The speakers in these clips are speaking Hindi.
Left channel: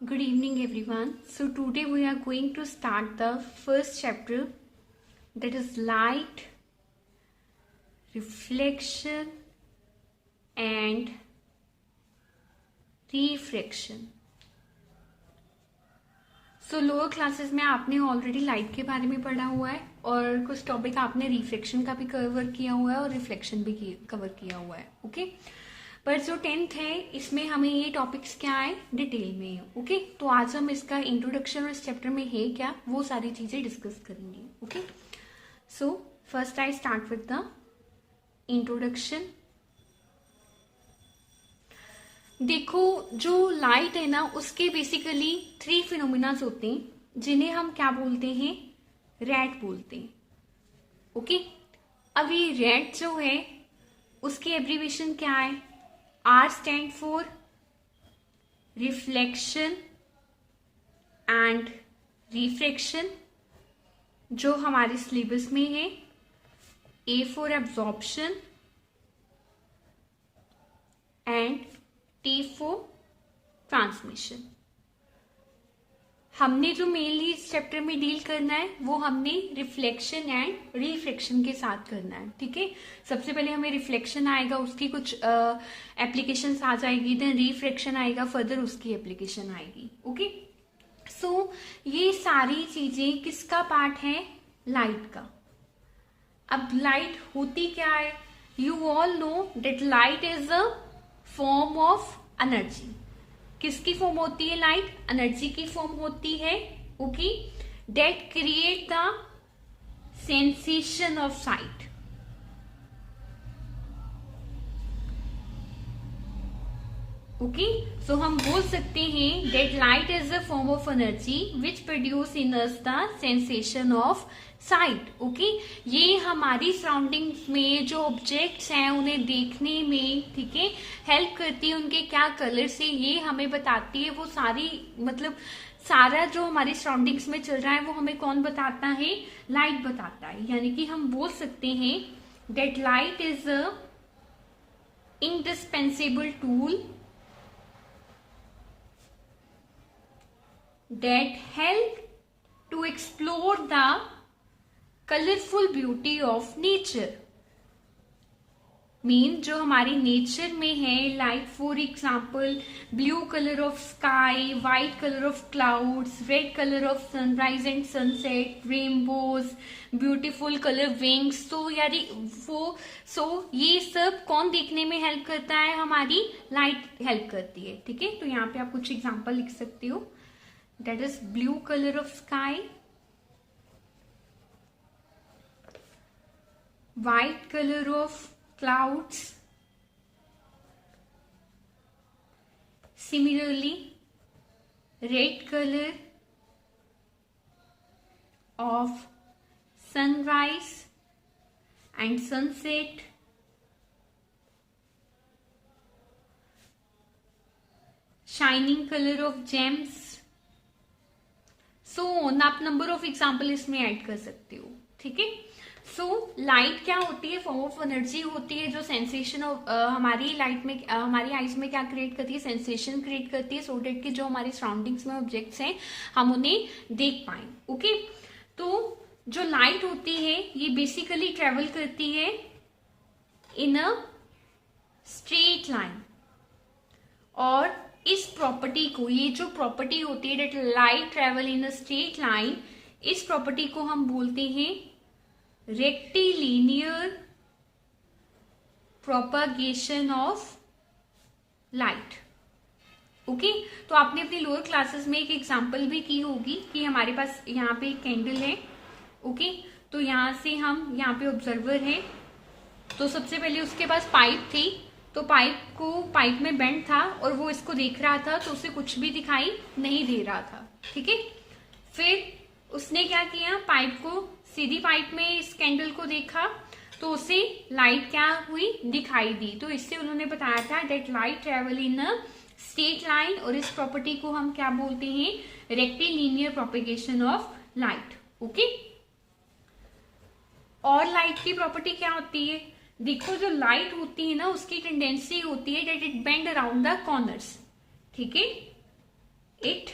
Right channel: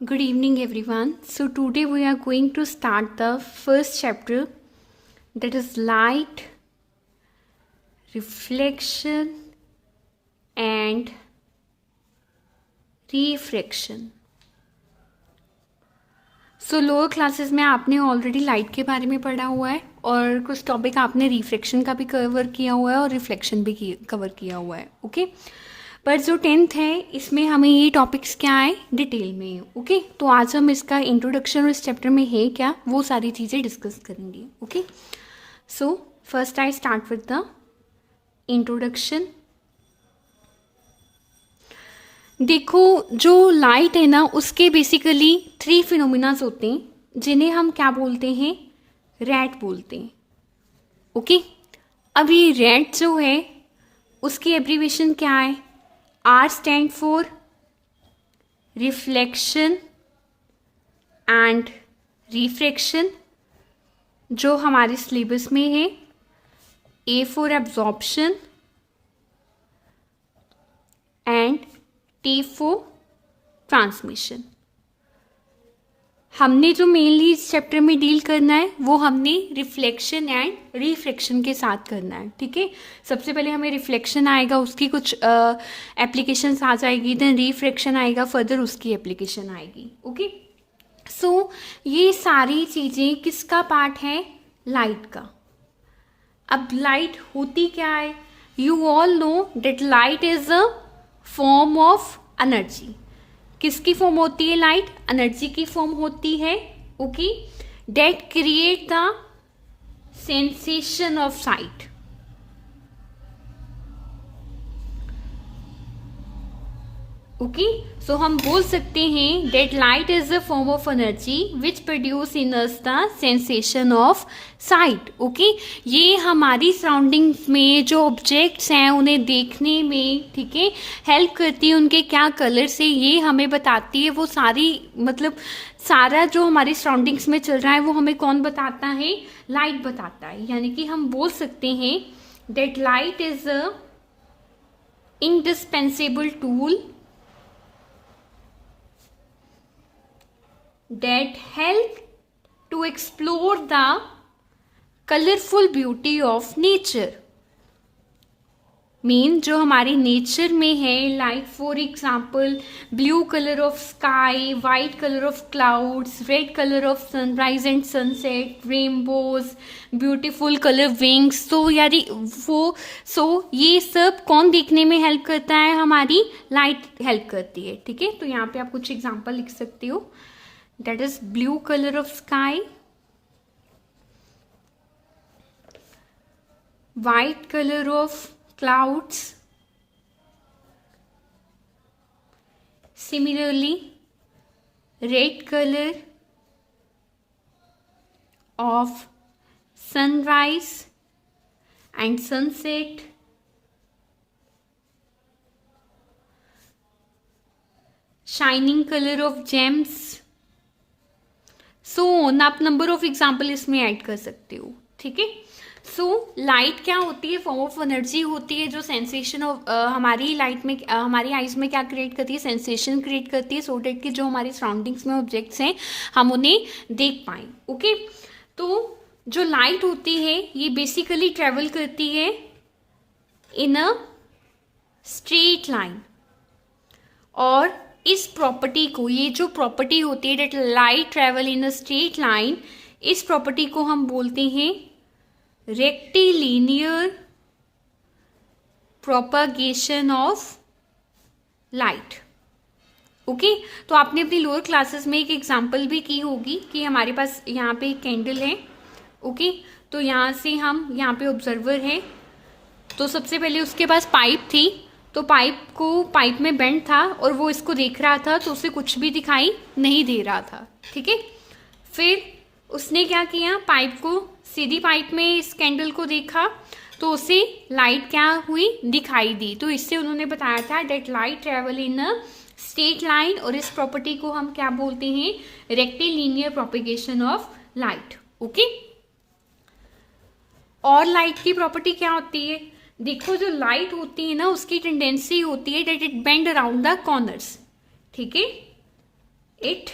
Good evening, everyone. So, today we are going to start the first chapter, that is light, reflection, and refraction. So lower classes में आपने ऑलरेडी लाइट के बारे में पढ़ा हुआ है और कुछ टॉपिक आपने रिफ्लेक्शन का भी कवर किया हुआ है और रिफ्लेक्शन भी कवर किया हुआ है. ओके, पर जो 10th है इसमें हमें ये टॉपिक्स क्या है डिटेल में है. ओके, तो आज हम इसका इंट्रोडक्शन और इस चैप्टर में है क्या वो सारी चीज़ें डिस्कस करेंगे. Okay, so first I start with the introduction. देखो, जो लाइट है ना उसके बेसिकली 3 फिनोमिनास होते हैं जिन्हें हम क्या बोलते हैं, रेड बोलते हैं. ओके, अब ये रेड जो है उसकी एब्रीविएशन क्या है, R stand for reflection and refraction, जो हमारे सिलेबस में है. A for absorption and T for transmission. हमने जो मेनली इस चैप्टर में डील करना है वो हमने रिफ्लेक्शन एंड रिफ्रैक्शन के साथ करना है. ठीक है, सबसे पहले हमें रिफ्लेक्शन आएगा, उसकी कुछ एप्लीकेशंस आ जाएगी, देन रिफ्रैक्शन आएगा, फर्दर उसकी एप्लीकेशन आएगी. ओके, सो ये सारी चीज़ें किसका पार्ट है, लाइट का. अब लाइट होती क्या है, you all know that light is a form of energy. किसकी फॉर्म होती है लाइट, एनर्जी की फॉर्म होती है. Okay, that create the sensation of sight. Okay, so हम बोल सकते हैं that light is a form of energy which produce in us the sensation of sight. Okay, ये हमारी सराउंडिंग्स में जो ऑब्जेक्ट्स हैं उन्हें देखने में, ठीक है, हेल्प करती है. उनके क्या कलर्स है ये हमें बताती है. वो सारी मतलब सारा जो हमारी सराउंडिंग्स में चल रहा है वो हमें कौन बताता है, लाइट बताता है. यानी कि हम बोल सकते हैं that light is a indispensable tool that help to explore the colorful beauty of nature. Mean जो हमारे नेचर में है, like for example blue colour of sky, white colour of clouds, red colour of sunrise and sunset, rainbows, beautiful colour wings. तो यारी वो ये सब कौन देखने में हेल्प करता है, हमारी लाइट हेल्प करती है. ठीक है, तो यहाँ पे आप कुछ एग्जाम्पल लिख सकते हो. That is blue color of sky, white color of clouds, similarly red color of sunrise and sunset, shining color of gems. सो आप नंबर ऑफ एग्जाम्पल इसमें ऐड कर सकते हो. ठीक है, सो लाइट क्या होती है, फॉर्म ऑफ एनर्जी होती है जो सेंसेशन ऑफ हमारी लाइट में हमारी आइज में क्या क्रिएट करती है, सेंसेशन क्रिएट करती है, सो डेट की जो हमारी सराउंडिंग्स में ऑब्जेक्ट्स हैं हम उन्हें देख पाए. ओके, तो जो लाइट होती है ये बेसिकली ट्रेवल करती है इन अ स्ट्रेट लाइन. और इस प्रॉपर्टी को, ये जो प्रॉपर्टी होती है that light travel in a straight line, इस प्रॉपर्टी को हम बोलते हैं rectilinear propagation of light. Okay, तो आपने अपनी लोअर क्लासेस में एक एग्जांपल भी की होगी कि हमारे पास यहाँ पे एक कैंडल है. ओके, तो यहाँ से हम यहाँ पे ऑब्जर्वर है, तो सबसे पहले उसके पास पाइप थी, तो पाइप में बेंड था और वो इसको देख रहा था तो उसे कुछ भी दिखाई नहीं दे रहा था. ठीक है, फिर उसने क्या किया, पाइप को सीधी पाइप में इस कैंडल को देखा तो उसे लाइट क्या हुई, दिखाई दी. तो इससे उन्होंने बताया था that light travel in a straight line, और इस प्रॉपर्टी को हम क्या बोलते हैं, rectilinear propagation of light. Okay, और लाइट की प्रॉपर्टी क्या होती है, देखो जो लाइट होती है ना उसकी टेंडेंसी होती है that it bend around the corners. ठीक है, it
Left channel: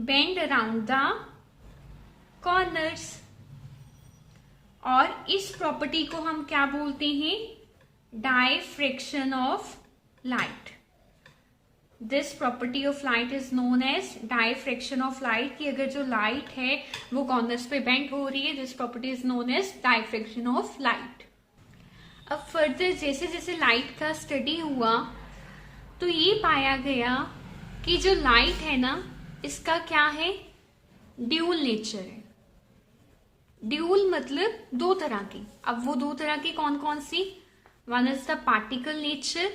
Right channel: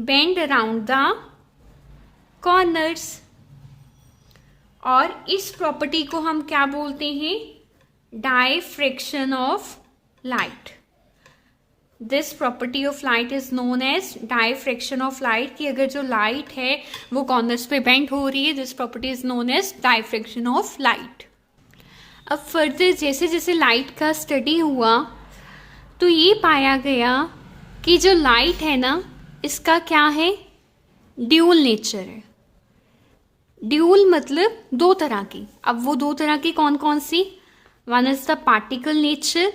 bend around the corners. और इस प्रॉपर्टी को हम क्या बोलते हैं? Diffraction of light. This property of light is known as diffraction of light, कि अगर जो लाइट है वो कॉर्नर्स पे बेंड हो रही है, this property is known as diffraction of light. अब फर्दर जैसे जैसे लाइट का स्टडी हुआ तो ये पाया गया कि जो लाइट है ना, इसका क्या है? ड्यूल नेचर है। ड्यूल मतलब दो तरह की। अब वो दो तरह की कौन कौन सी? One is the particle nature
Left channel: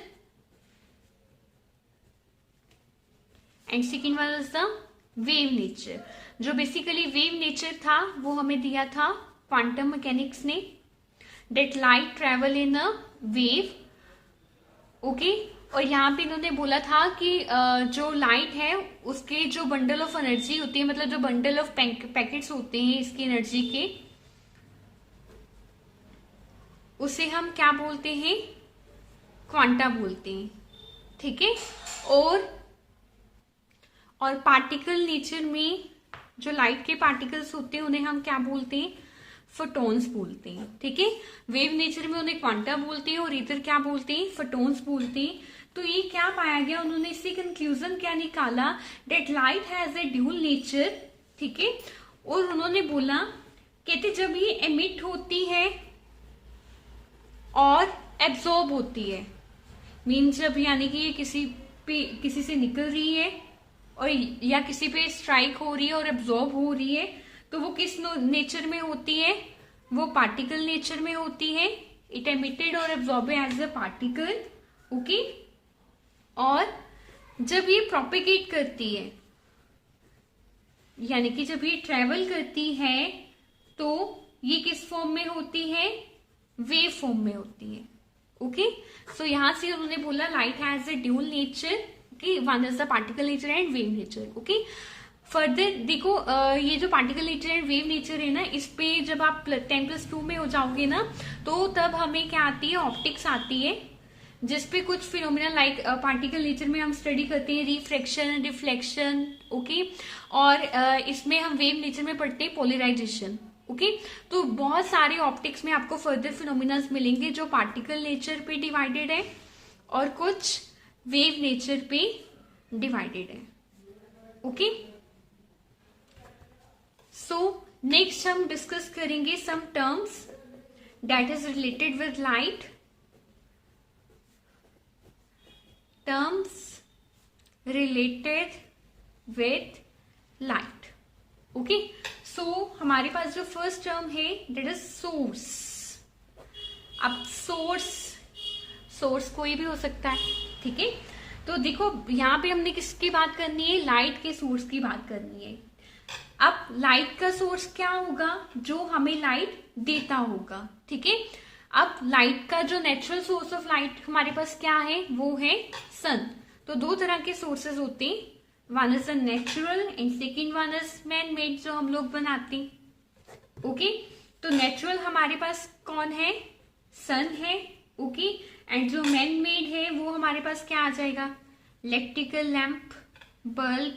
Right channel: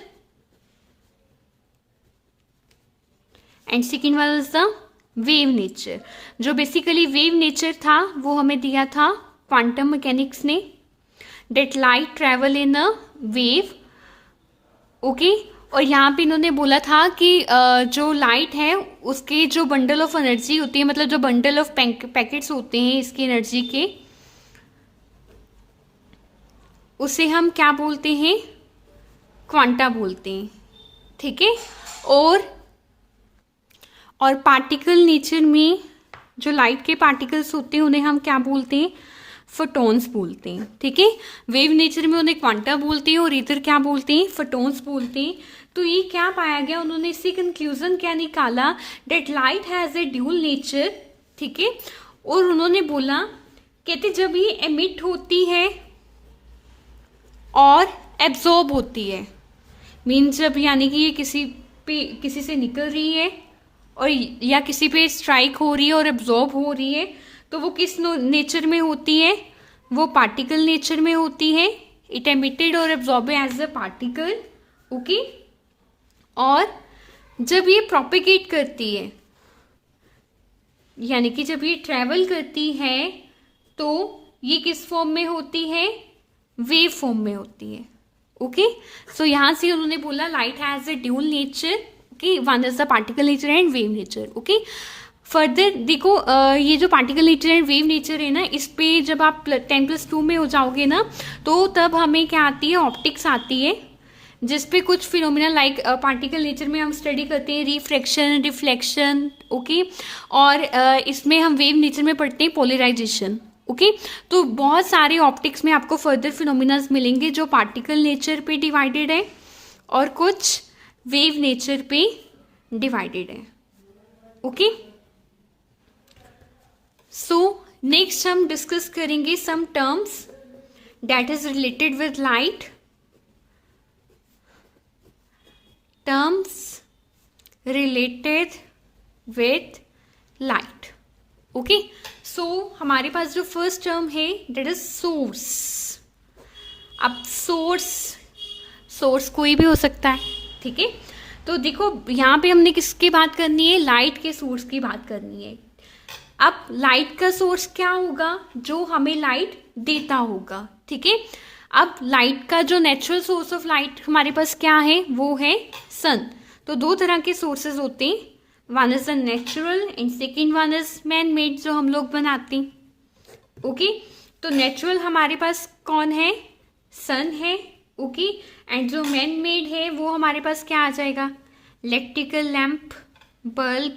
and second one is the wave nature. जो बेसिकली वेव नेचर था वो हमें दिया था क्वांटम मैकेनिक्स ने, that light travel in a wave. Okay, और यहाँ पे इन्होंने बोला था कि जो लाइट है उसके जो बंडल ऑफ एनर्जी होती है, मतलब जो बंडल ऑफ पैकेट्स होते हैं इसकी एनर्जी के, उसे हम क्या बोलते हैं? क्वांटा बोलते हैं। ठीक है। और पार्टिकल नेचर में जो लाइट के पार्टिकल्स होते हैं उन्हें हम क्या बोलते हैं? फोटॉन्स बोलते हैं। ठीक है। वेव नेचर में उन्हें क्वांटा बोलते हैं और इधर क्या बोलते हैं? फोटॉन्स बोलते हैं। तो ये क्या पाया गया? उन्होंने इससे कंक्लूजन क्या निकाला? That light has a dual nature. ठीक है। और उन्होंने बोला, कहते जब ये एमिट होती है और एब्जॉर्ब होती है, मीन्स जब यानी कि ये किसी से निकल रही है और या किसी पे स्ट्राइक हो रही है और एब्जॉर्ब हो रही है, तो वो किस नेचर में होती है? वो पार्टिकल नेचर में होती है। इट एमिटेड और absorb as a particle. Okay. और जब ये प्रोपिगेट करती है, यानी कि जब ये ट्रेवल करती है, तो ये किस फॉर्म में होती है? वेव फॉर्म में होती है। ओके। सो यहां से उन्होंने बोला light has a dual nature, कि one is the particle nature and wave nature. Okay. Further देखो, ये जो particle nature and wave nature है ना, इस पे जब आप 10+2 में हो जाओगे ना, तो तब हमें क्या आती है? ऑप्टिक्स आती है, जिसपे कुछ फिनोमिना लाइक पार्टिकल नेचर में हम स्टडी करते हैं रिफ्रैक्शन, रिफ्लेक्शन। ओके। और इसमें हम वेव नेचर में पढ़ते हैं पोलराइजेशन। ओके। तो बहुत सारे ऑप्टिक्स में आपको फर्दर फिनोमिनास मिलेंगे जो पार्टिकल नेचर पे डिवाइडेड है और कुछ वेव नेचर पे डिवाइडेड है। ओके। सो नेक्स्ट हम डिस्कस करेंगे some terms that is related with light. Terms related with light. Okay. So हमारे पास जो फर्स्ट टर्म है दैट इज सोर्स। अब सोर्स कोई भी हो सकता है। ठीक है। तो देखो यहाँ पे हमने किसकी बात करनी है? लाइट के सोर्स की बात करनी है। अब लाइट का सोर्स क्या होगा? जो हमें लाइट देता होगा। ठीक है। अब लाइट का जो नेचुरल सोर्स ऑफ लाइट हमारे पास क्या है? वो है सन। तो दो तरह के सोर्सेज होते हैं, one is the natural and second one is man made, जो हम लोग बनाते हैं। ओके। तो नेचुरल हमारे पास कौन है? सन है। ओके। एंड जो मैन मेड है वो हमारे पास क्या आ जाएगा? Electrical lamp, bulb,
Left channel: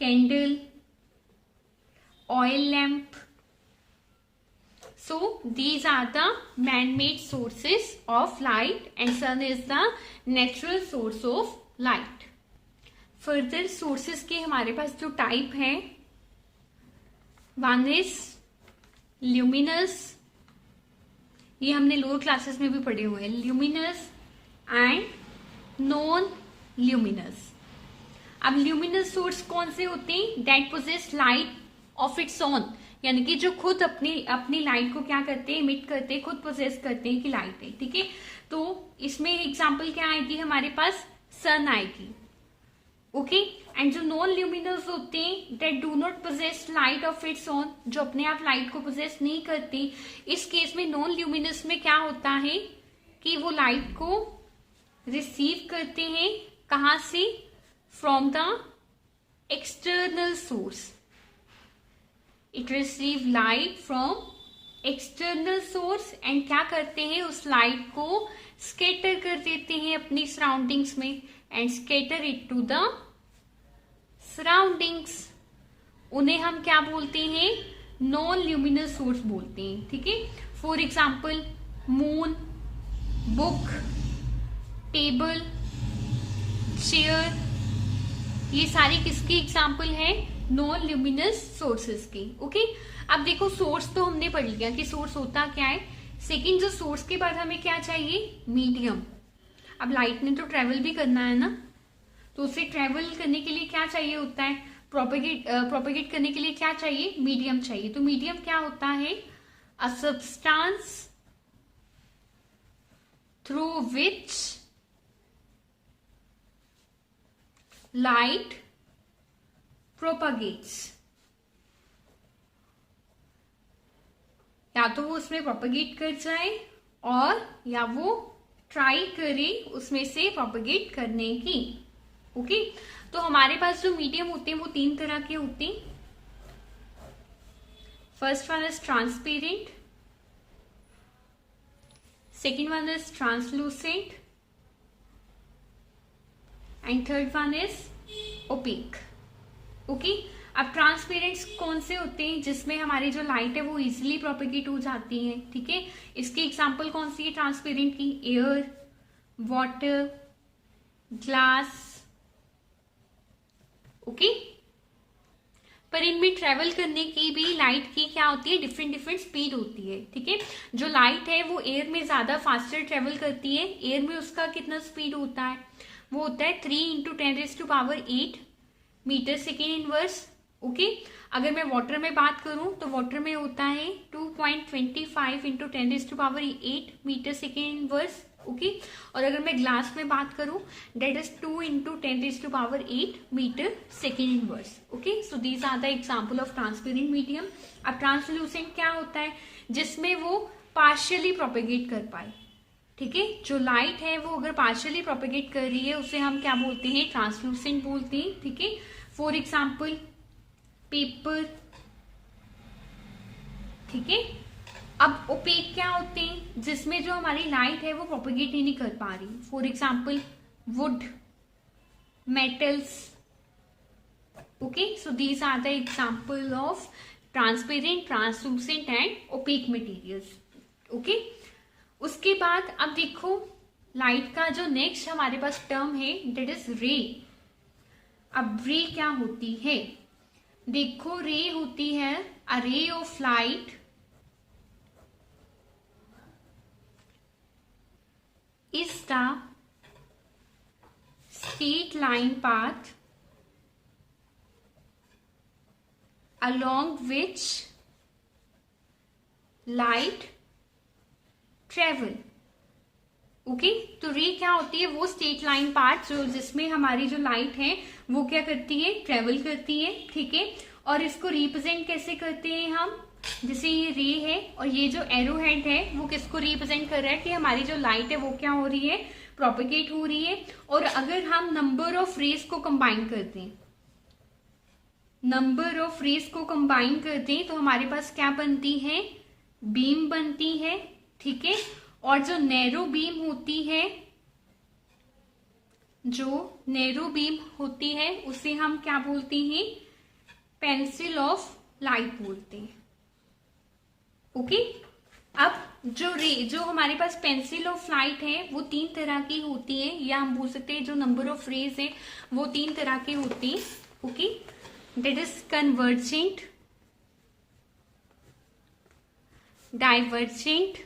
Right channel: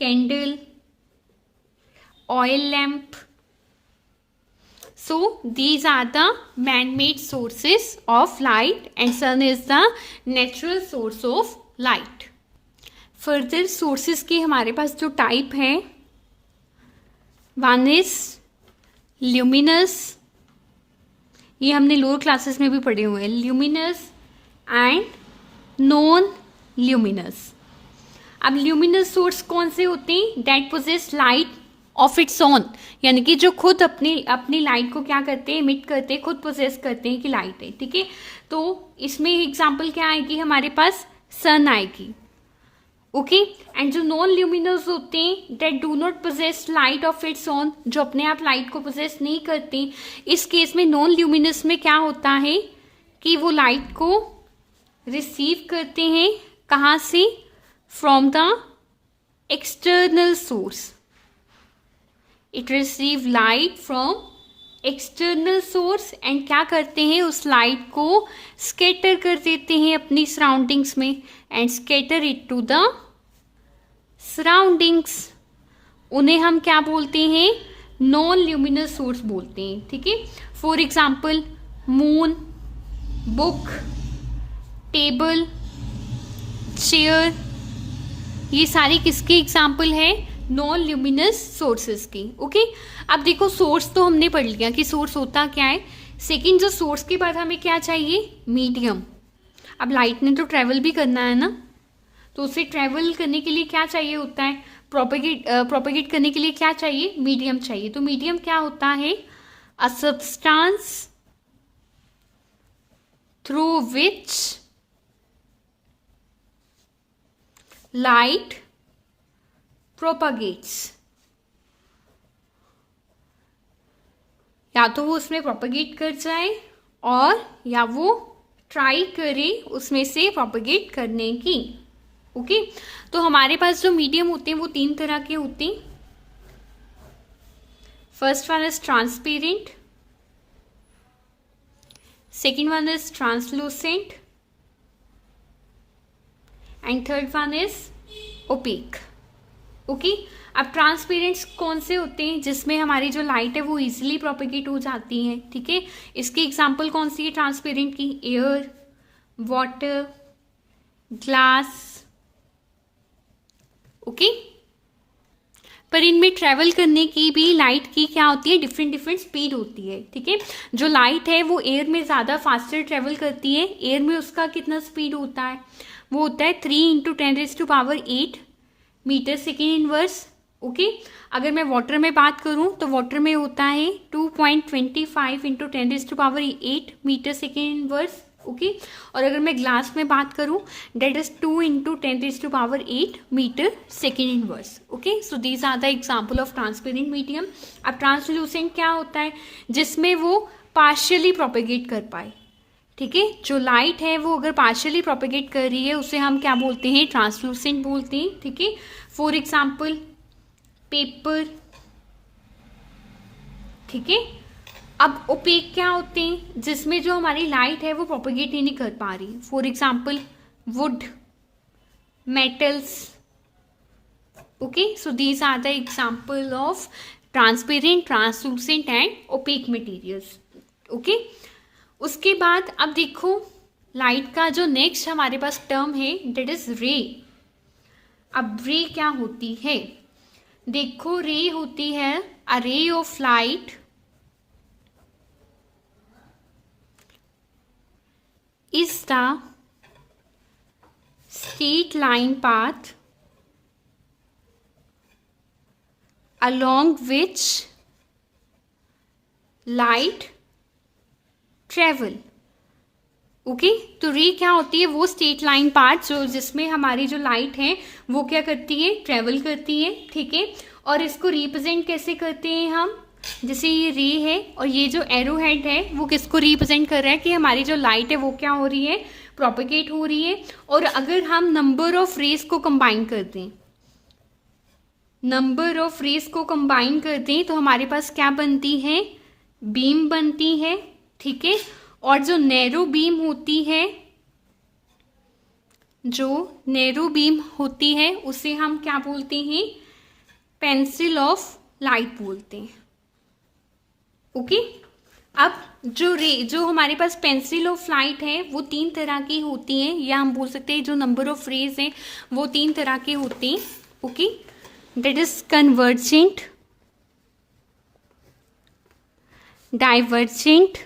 candle, oil lamp. So these are the man-made sources of light and sun is the natural source of light. Further sources के हमारे पास जो टाइप है, one is luminous, ये हमने लोअर क्लासेस में भी पढ़े हुए हैं, luminous and non-luminous। अब luminous सोर्स कौन से होते हैं? That possess light of its on, यानी कि जो खुद अपनी लाइट को क्या करते हैं? इमिट करते हैं, खुद पोजेस करते हैं कि लाइट है। ठीक है। तो इसमें एग्जांपल क्या आएगी? हमारे पास सन आएगी। ओके। एंड जो नॉन ल्यूमिनस होते हैं that do not possess light of its on, जो अपने आप लाइट को पोजेस नहीं करते, इस केस में नॉन ल्यूमिनस में क्या होता है कि वो लाइट को रिसीव करते हैं। कहाँ से? From the external source. It receive light from external source and क्या करते हैं, उस लाइट को स्कैटर कर देते हैं अपनी सराउंडिंग्स में and scatter it to the surroundings. उन्हें हम क्या बोलते हैं, नॉन ल्यूमिनस सोर्स बोलते हैं। ठीक है, for example moon, book, table, chair, ये सारी किसकी एग्जाम्पल है, नॉन ल्यूमिनस सोर्सेस की। ओके, अब देखो सोर्स तो हमने पढ़ लिया कि सोर्स होता क्या है। सेकंड, जो सोर्स के बाद हमें क्या चाहिए, मीडियम। अब लाइट ने तो ट्रेवल भी करना है ना, तो उसे ट्रेवल करने के लिए क्या चाहिए होता है, प्रोपेगेट करने के लिए क्या चाहिए, मीडियम चाहिए। तो मीडियम क्या होता है, a substance through which light propagates. या तो वो उसमें प्रोपगेट कर जाए और या वो ट्राई करे उसमें से प्रोपगेट करने की। ओके, तो हमारे पास जो मीडियम होते हैं वो 3 तरह के होते हैं। First one is transparent, second one is translucent and third one is opaque. Okay, अब ट्रांसपेरेंट्स कौन से होते हैं, जिसमें हमारी जो लाइट है वो इजीली प्रोपेगेट हो जाती है। ठीक है, इसकी एग्जांपल कौन सी है ट्रांसपेरेंट की, एयर, वाटर, ग्लास। ओके, पर इनमें ट्रेवल करने की भी लाइट की क्या होती है, डिफरेंट डिफरेंट स्पीड होती है। ठीक है, जो लाइट है वो एयर में ज्यादा फास्टर ट्रेवल करती है। एयर में उसका कितना स्पीड होता है, वो होता है 3 × 10⁸ मीटर सेकेंड इनवर्स। ओके, अगर मैं वाटर में बात करूं तो वाटर में होता है 2.25 × 10⁸ मीटर सेकेंड इनवर्स। ओके, और अगर मैं ग्लास में बात करूं that is 2 × 10⁸ metre second inverse. Okay, so these are the example of transparent medium. अब ट्रांसलूसेंट क्या होता है, जिसमें वो पार्शियली प्रोपेगेट कर पाए। ठीक है, जो लाइट है वो अगर पार्शियली प्रोपेगेट कर रही है उसे हम क्या बोलते हैं, ट्रांसलूसेंट बोलते हैं। ठीक है, फॉर एग्जाम्पल पेपर। ठीक है, अब ओपेक क्या होते हैं, जिसमें जो हमारी लाइट है वो प्रोपेगेट ही नहीं कर पा रही। For example wood, metals. Okay, so these are the example of transparent, translucent and opaque materials. Okay, उसके बाद अब देखो लाइट का जो नेक्स्ट हमारे पास टर्म है डेट इज रे। अब रे क्या होती है, देखो रे होती है a ray of light is the straight line path along which light travel। Okay, तो रे क्या होती है, वो स्ट्रेट लाइन पाथ जो जिसमें हमारी जो लाइट है वो क्या करती है, ट्रेवल करती है। ठीक है, और इसको रिप्रेजेंट कैसे करते हैं हम, जैसे ये रे है और ये जो एरो हेड है वो किसको रिप्रेजेंट कर रहा है कि हमारी जो लाइट है वो क्या हो रही है, प्रोपेगेट हो रही है। और अगर हम नंबर ऑफ रेस को कंबाइन कर दें, नंबर ऑफ रेस को कंबाइन कर दें तो हमारे पास क्या बनती है, बीम बनती है। ठीक है, और जो नैरो बीम होती है, जो नैरो बीम होती है उसे हम क्या बोलते हैं, पेंसिल ऑफ लाइट बोलते हैं। ओके, अब जो हमारे पास पेंसिल ऑफ लाइट है वो 3 तरह की होती है, या हम बोल सकते हैं जो नंबर ऑफ रेज है वो 3 तरह के होते हैं। Okay, that is convergent, divergent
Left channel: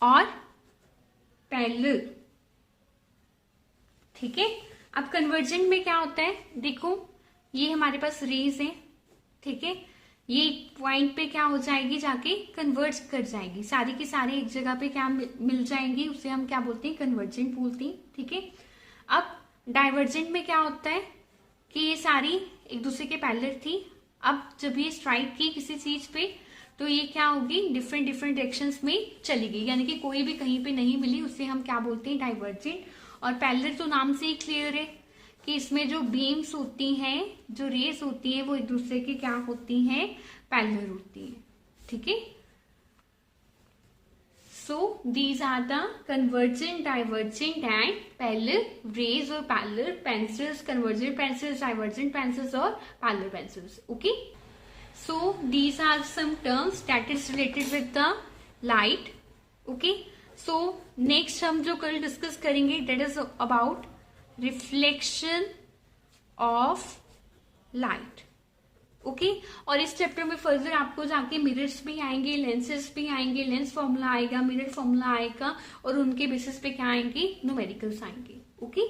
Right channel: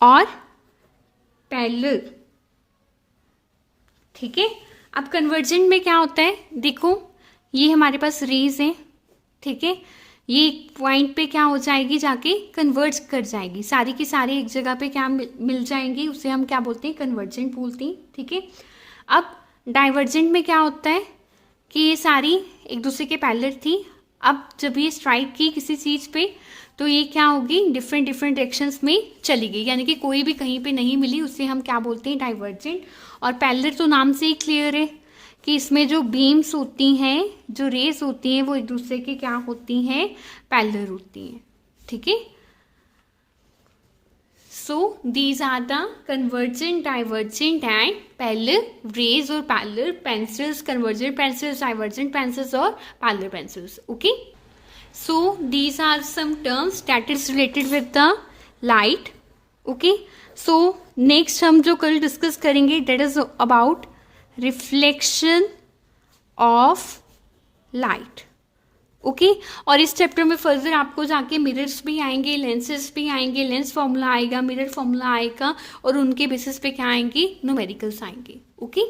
और पैरेलल। ठीक है, अब कन्वर्जेंट में क्या होता है, देखो ये हमारे पास रेज है। ठीक है, ये एक पॉइंट पे क्या हो जाएगी, जाके कन्वर्ज कर जाएगी, सारी की सारी एक जगह पे क्या मिल जाएंगी, उसे हम क्या बोलते हैं, कन्वर्जेंट बोलते हैं। ठीक है, अब डाइवर्जेंट में क्या होता है कि ये सारी एक दूसरे के पैरेलल थी, अब जब ये स्ट्राइक की किसी चीज पे तो ये क्या होगी, डिफरेंट डिफरेंट डायरेक्शंस में चली गई, यानी कि कोई भी कहीं पे नहीं मिली, उसे हम क्या बोलते हैं, डाइवर्जेंट। और पैरेलल तो नाम से ही क्लियर है कि इसमें जो बीम्स होती हैं, जो रेस होती हैं, वो एक दूसरे के क्या होती हैं, पैरेलल होती हैं, ठीक है। So these are the convergent, divergent and parallel rays or parallel pencils, convergent pencils, divergent pencils or parallel pencils. Okay. So these are some terms that is related with the light. Okay. So next हम जो कल डिस्कस करेंगे that is about reflection of light. Okay और इस चैप्टर में फर्दर आपको जाके मिरर्स भी आएंगे, लेंसेज भी आएंगे, लेंस फॉर्मूला आएगा, मिरर फॉर्मूला आएगा और उनके बेसिस पे क्या आएंगे, न्यूमेरिकल्स आएंगे। ओके